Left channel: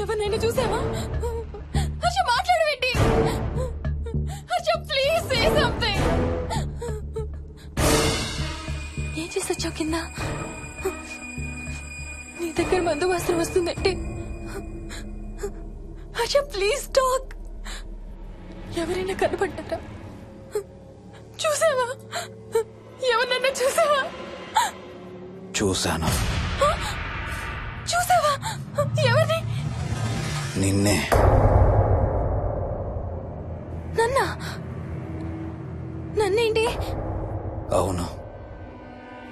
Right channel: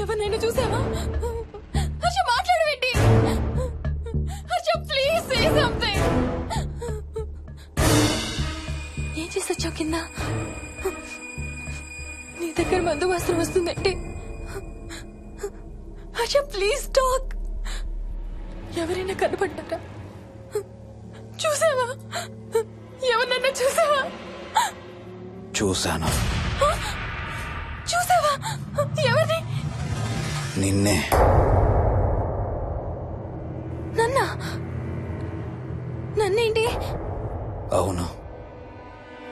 ఎవరినైనా చూసావా? హర్ష మాట్లాడవేంటి? Harsha please say something. ఏం చేసొచ్చావు కింద? నీ దగ్గర మందు వాసన వస్తుందంటే హర్ష ప్లీజ్ టాక్. ఎవరైనా కనపడ్డారా? చూసావా? ఎవరినైనా చూసావా? చూశాను. చూసావా? ఎవరిని? నిన్నే. నన్నేంటి? అవును,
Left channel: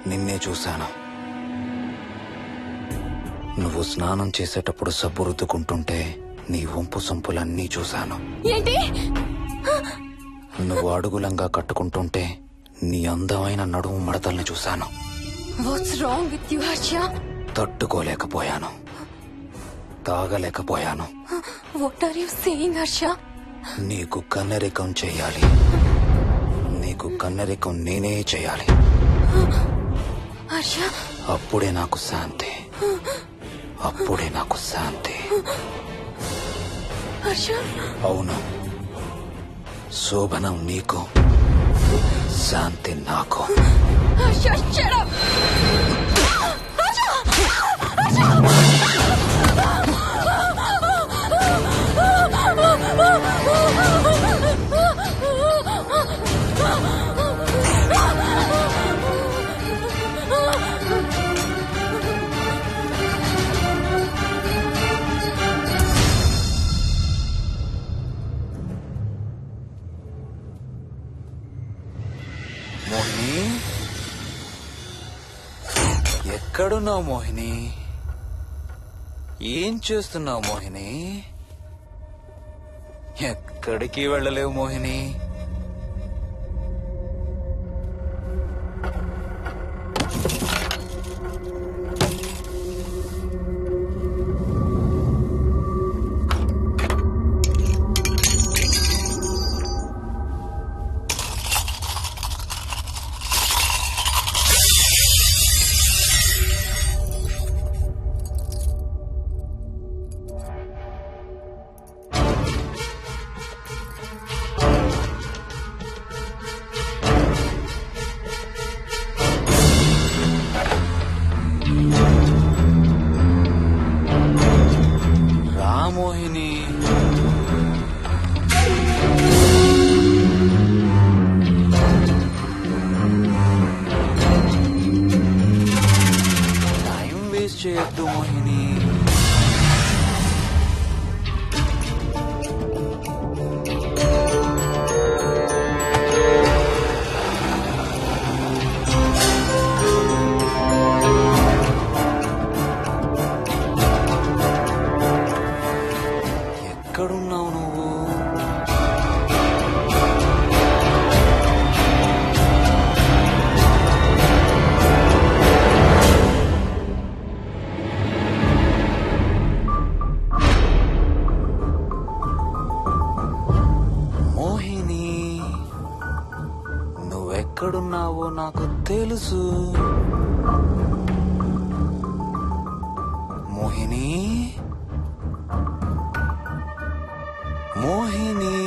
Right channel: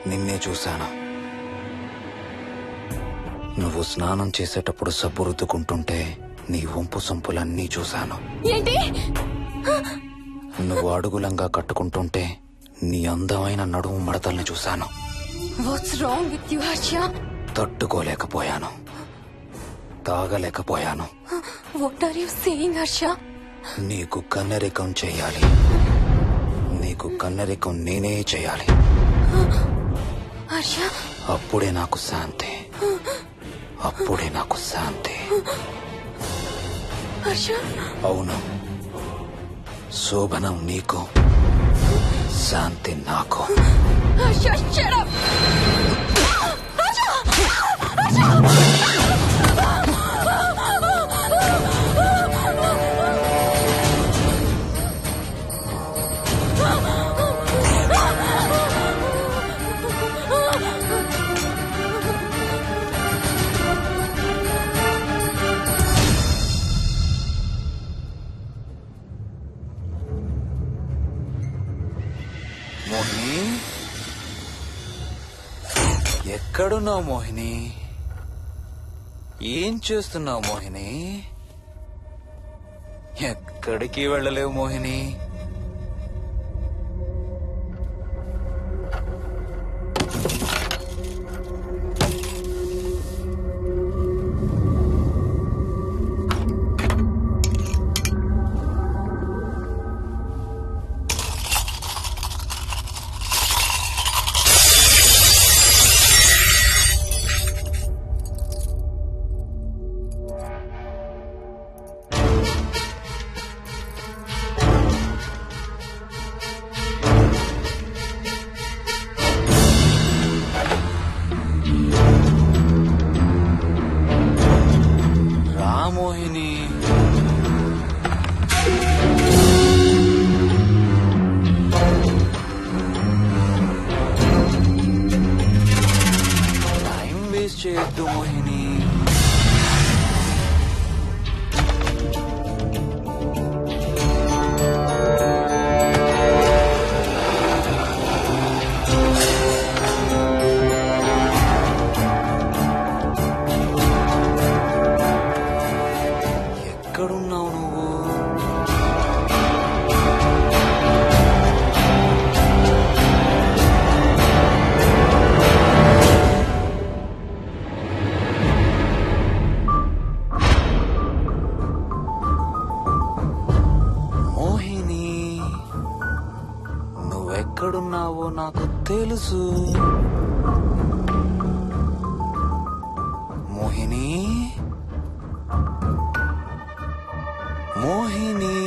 నిన్నే చూశాను. నువ్వు స్నానం చేసేటప్పుడు సబ్బు రుద్దుకుంటుంటే నీ వంపు సొంపులన్నీ చూశాను. ఏంటి? నువ్వు అడుగులంగా కట్టుకుంటుంటే నీ అందమైన నడుము మడతల్ని చూశాను. What's wrong with you Harsha? తట్టుకోలేకపోయాను, తాగలేకపోయాను. What are you saying Harsha? నీకు కన్నరికం చెయ్యాలి. నీకు కన్నరికం నేనే చెయ్యాలి. హర్ష, అప్పుడే నాకు శాంతి. అప్పుడే నాకు శాంతి. హర్ష. అవును, శోభనం నీకు, శాంతి నాకు. Harsha, shut up. మోహిని, ఎక్కడున్నావు మోహిని? ఏం చేస్తున్నావు మోహిని? ఎక్కడికి వెళ్ళలేవు మోహిని. మోహిని, టైం వేస్ట్ చేయొద్దు మోహిని. ఎక్కడున్నావు నువ్వు? మోహిని, నువ్వెక్కడున్నావో నాకు తెలుసు. మోహిని, మోహిని.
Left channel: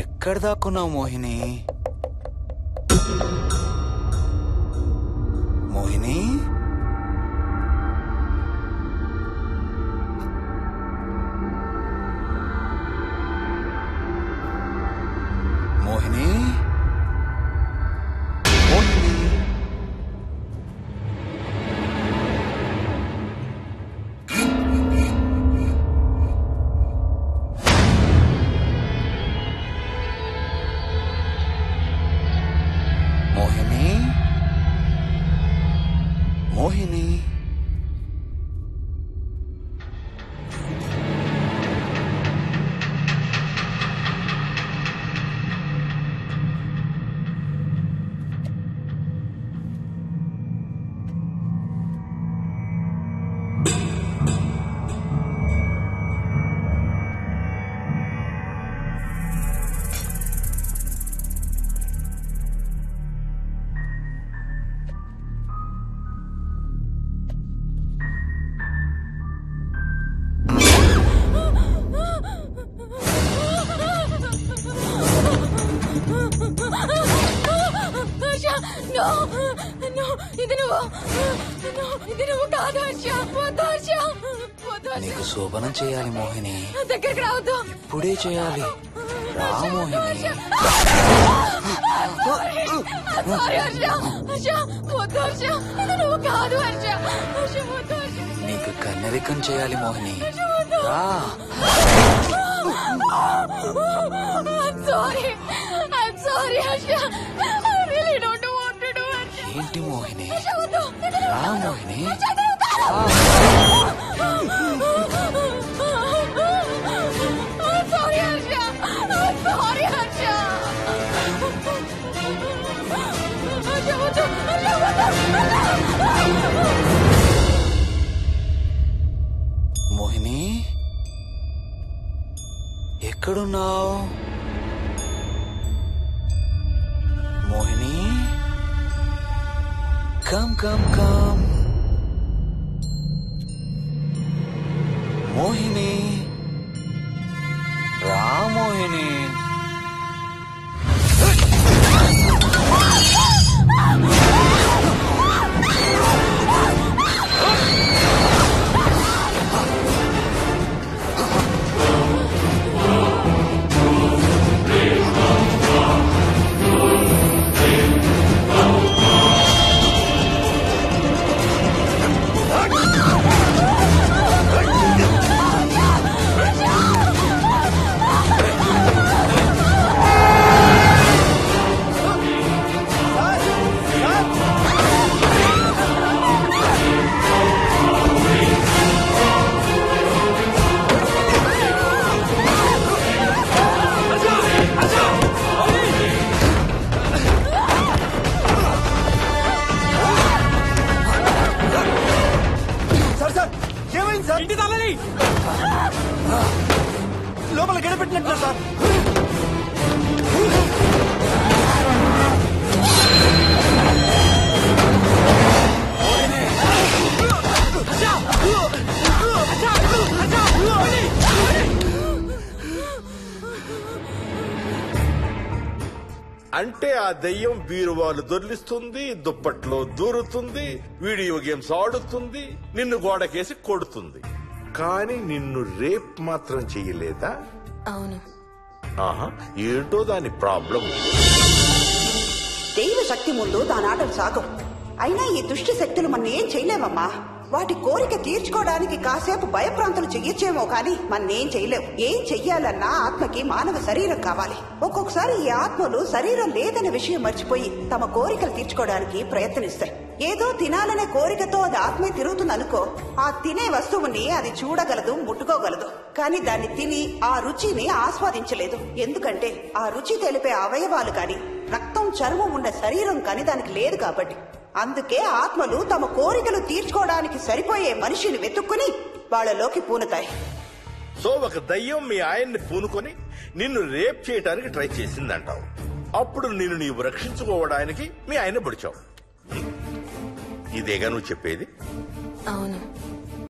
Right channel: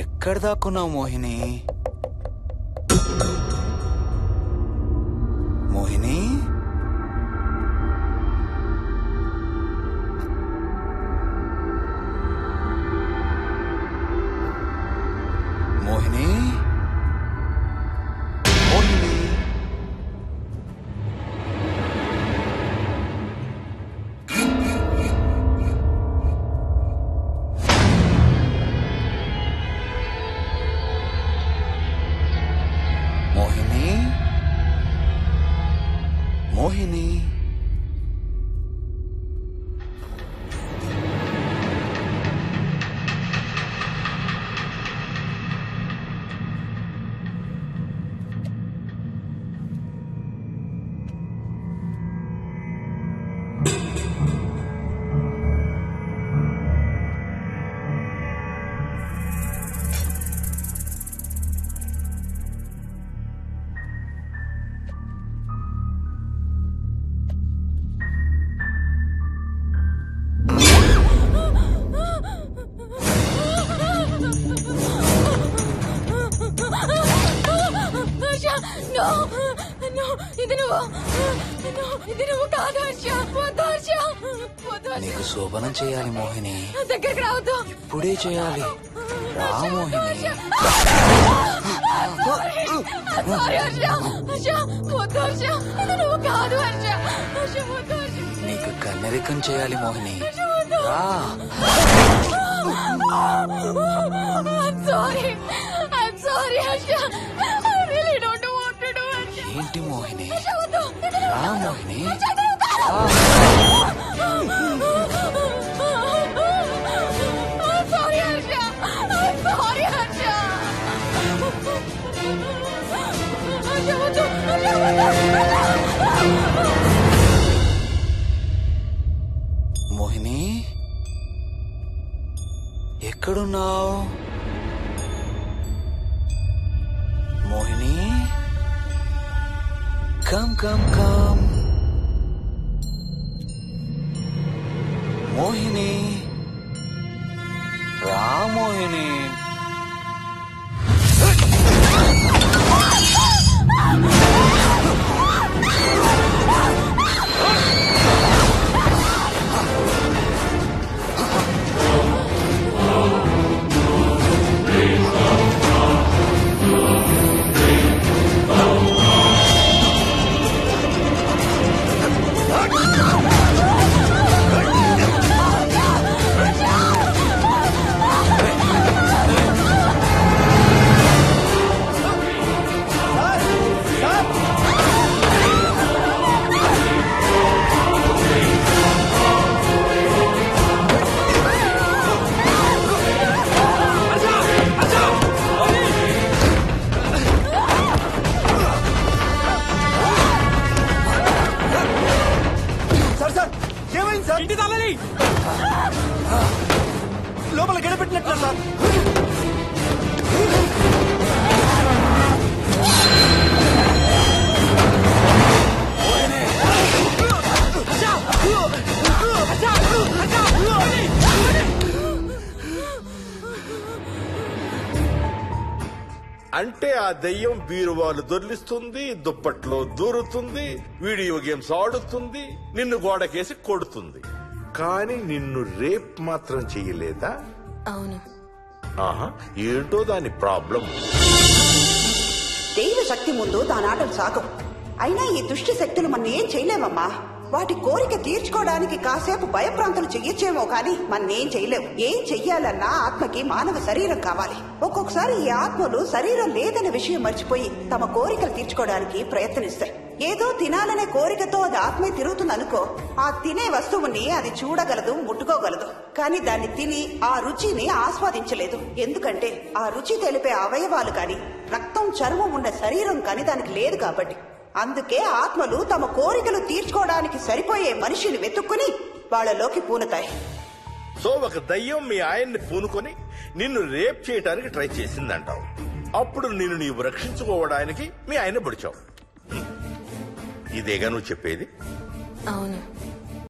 ఎక్కడ దాక్కున్నావు మోహిని? మోహిని, మోహిని, మోహిని. మోహిని, మోహిని. నీకు శోభనం చేయాలి మోహిని. దగ్గరికి రావద్దు. ఇప్పుడే చేయాలి. రా మోహిని. నీకు కన్నరికం చేయాలి మోహిని. రా. ఏంటి మోహిని? రా మోహిని. మోహిని, ఎక్కడున్నావు Mohini? Come come come Mohini. రా మోహిని. లోపల గడపెట్టినట్టు సార్. అంటే ఆ దెయ్యం బీరువాలు దొర్లిస్తుంది, దుప్పట్లో దూరుతుంది, వీడియో గేమ్స్ ఆడుతుంది, నిన్ను గోడకేసి కొడుతుంది. కానీ నిన్ను రేప్ మాత్రం చెయ్యలేదా? అవును. ఆహా, ఏంటో దాని ప్రాబ్లం. దైవ శక్తి ముందు దానాటలు సాగం. అయినా ఈ దుష్ట శక్తులు మన ఏం చేయలేమమ్మా. వాటి కోరిక తీర్చుకోవడానికి కాసేపు భయప్రాంతులు చెయ్యొచ్చేమో కానీ మన్నేం చేయలేవు. ఏం చెయ్యాలన్నా ఆత్మకి మానవ శరీరం కావాలి. ఒక్కొక్కసారి ఈ ఆత్మలు శరీరం లేదనే విషయం మర్చిపోయి తమ కోరికలు తీర్చుకోవడానికి ప్రయత్నిస్తాయి. ఏదో తినాలనే కోరికతో అది ఆత్మే తిరుగుతుందనుకో, ఆ తినే వస్తువుని అది చూడగలదు, ముట్టుకోగలదు. కానీ దాన్ని తిని ఆ రుచిని ఆస్వాదించలేదు. ఎందుకంటే ఆ రుచి తెలిపే అవయవాలు కాని, రక్తం చర్మం ఉన్న శరీరం కాని దానికి లేదు కాబట్టి. అందుకే ఆత్మలు తమ కోరికలు తీర్చుకోవడానికి సరిపోయే మనిషిని వెతుక్కుని వాళ్లలోకి పూనుతాయి. సో ఒక దయ్యం మీ ఆయన్ని పూనుకొని నిన్ను రేప్ చేయడానికి ట్రై చేసిందంటావు. అప్పుడు నిన్ను నీవు రక్షించుకోవడానికి మీ ఆయన పొడిచావు. ఇదేగా నువ్వు చెప్పేది? అవును.